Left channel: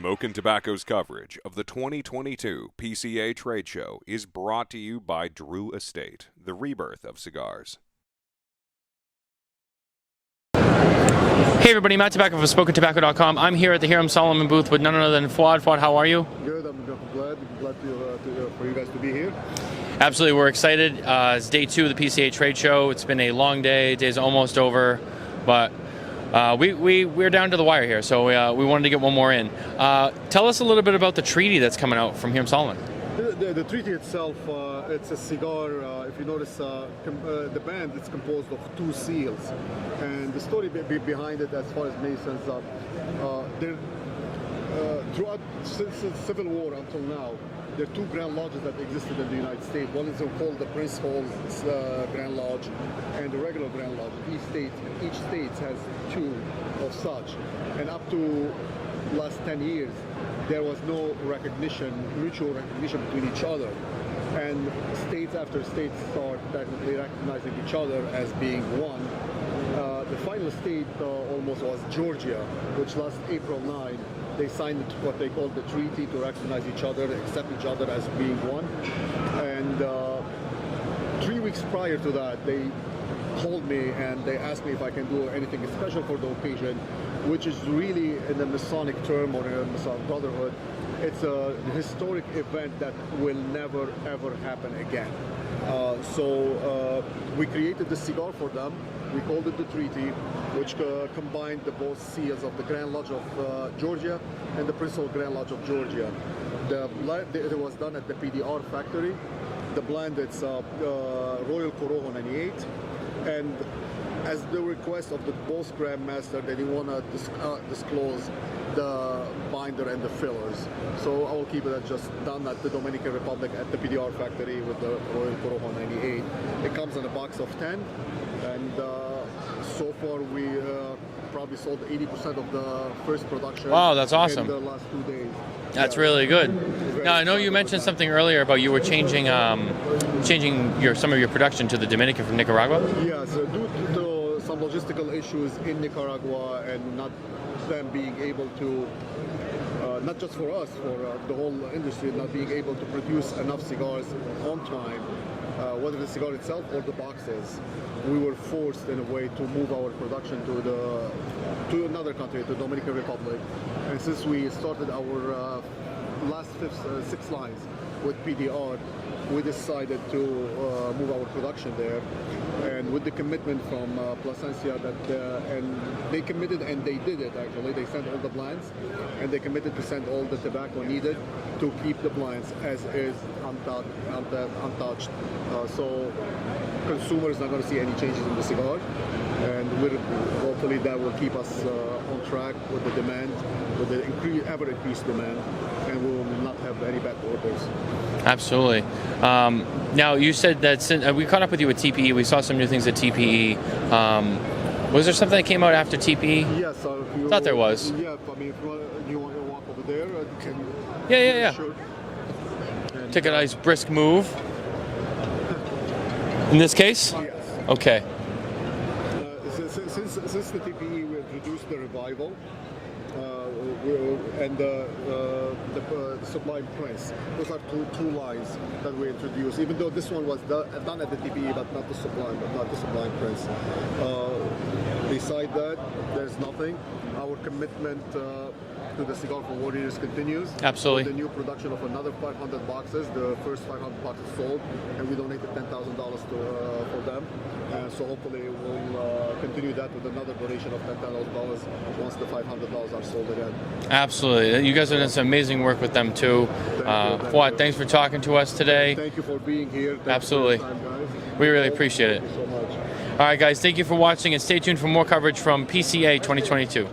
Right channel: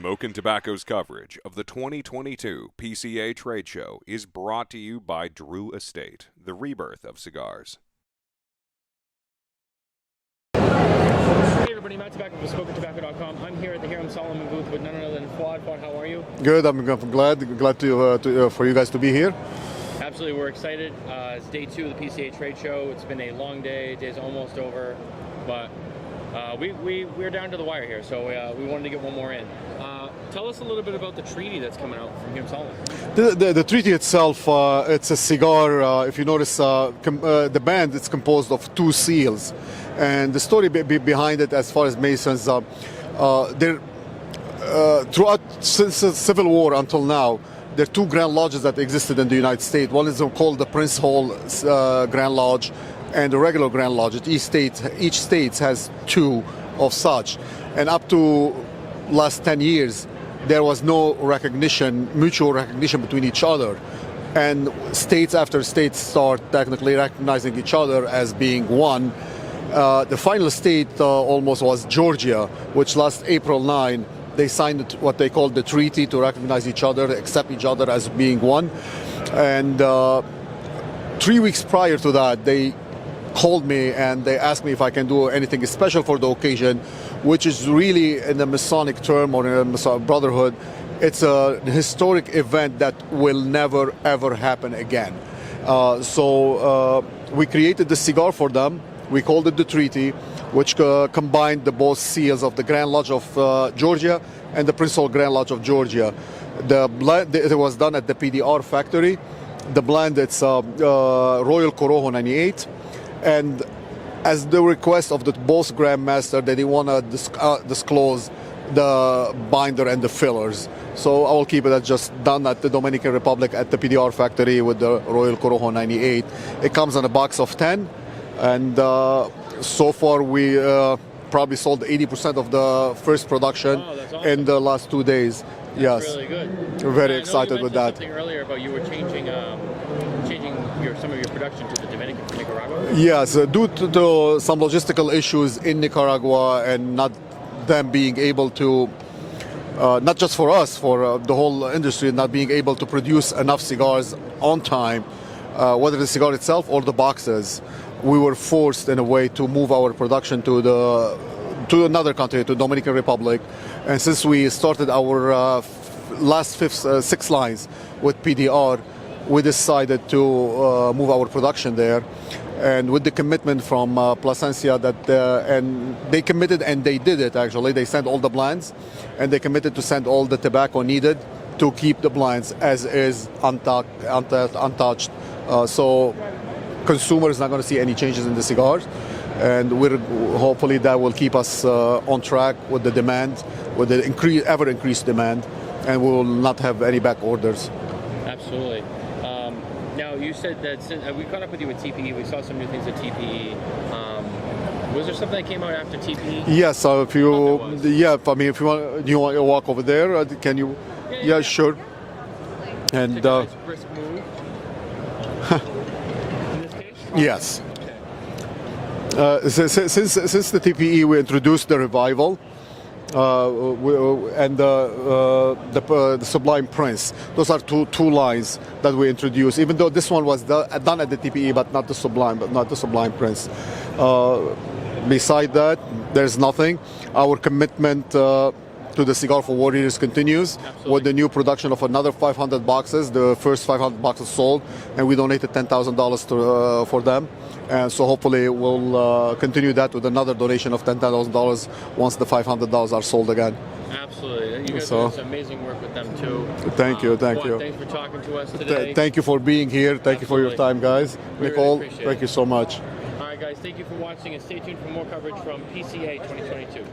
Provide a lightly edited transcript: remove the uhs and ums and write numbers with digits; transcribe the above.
Smokin Tobacco's coverage of the 2022 PCA trade show is brought to you by Drew Estate, the rebirth of cigars. Hey everybody, Matt Tabacco from SmokinTobacco.com. I'm here at the Hiram Solomon booth with none other than Fuad. Fuad, how are you? Good. I'm glad for you guys to be here. Absolutely, we're excited. It's day 2 of the PCA trade show. It's been a long day. Day's almost over, but we're down to the wire here, so we wanted to get one more in. Tell us a little bit about the treaty that's coming out from Hiram Solomon. The treaty itself, it's a cigar. If you notice, the band is composed of 2 seals, and the story behind it, as far as Masons, throughout since the Civil War until now, there are 2 Grand Lodges that existed in the United States. One is called the Prince Hall Grand Lodge, and the regular Grand Lodge. Each state has 2 of such, and up to last 10 years there was no mutual recognition between each other, and states after states start technically recognizing each other as being one. The final state almost was Georgia, which last April 9 they signed what they called the treaty to recognize each other, accept each other as being one, and 3 weeks prior to that they called me and they asked me if I can do anything special for the occasion, which is really, in the Masonic term or in a Masonic Brotherhood, it's a historic event that will never ever happen again. So we created the cigar for them. We called it the Treaty, which combined the both seals of the Grand Lodge of Georgia and the Prince Hall Grand Lodge of Georgia. The blend, it was done at the PDR factory. The blend, it's Royal Corojo 98. And as the request of the both Grandmaster, they didn't want to disclose the binder and the fillers. So I will keep it just done at the Dominican Republic at the PDR factory with the Royal Corojo 98. It comes in a box of 10, and so far we probably sold 80% of the first production. Wow, that's awesome. In the last 2 days. That's yes. Really good. Very now, I know excited you mentioned with that. something earlier about you were changing some of your production to the Dominican from Nicaragua. Yes, due to some logistical issues in Nicaragua and not them being able to, not just for us, for the whole industry, not being able to produce enough cigars on time, whether the cigar itself or the boxes, we were forced in a way to move our production to another country, to Dominican Republic. And since we started our last 6 lines with PDR, we decided to move our production there. And with the commitment from Plasencia and they committed and they did it actually. They sent all the blinds and they committed to send all the tobacco needed to keep the blinds as is, untouched. So consumers not going to see any changes in the cigars. And hopefully that will keep us on track with the demand, with the ever increased demand, and we will not have any back orders. Absolutely. Now you said that we caught up with you at TPE. We saw some new things at TPE. Was there something that came out after TPE? Yes. So if you thought there was. Yeah. I mean, if you want to walk over there, can you? Yeah. Sure. And take a nice brisk move. In this case? Yes. Okay. Since the TPE, we introduced the Revival and the Sublime Prince. Those are two lines that we introduced. Even though this one was done at the TPE, but not the Sublime Prince. Beside that, there's nothing. Our commitment to the Cigar for Warriors continues. Absolutely. With the new production of another 500 boxes. The first 500 boxes sold, and we donated $10,000 for them. And so hopefully we'll continue that with another donation of $10,000 once the $500 are sold again. Absolutely. You guys have done some amazing work with them too. Thank you. Thanks for talking to us today. Thank you for being here. Thank Absolutely. you for your time, guys. We really appreciate it. Thank you so much. All right, guys. Thank you for watching, and stay tuned for more coverage from PCA 2022.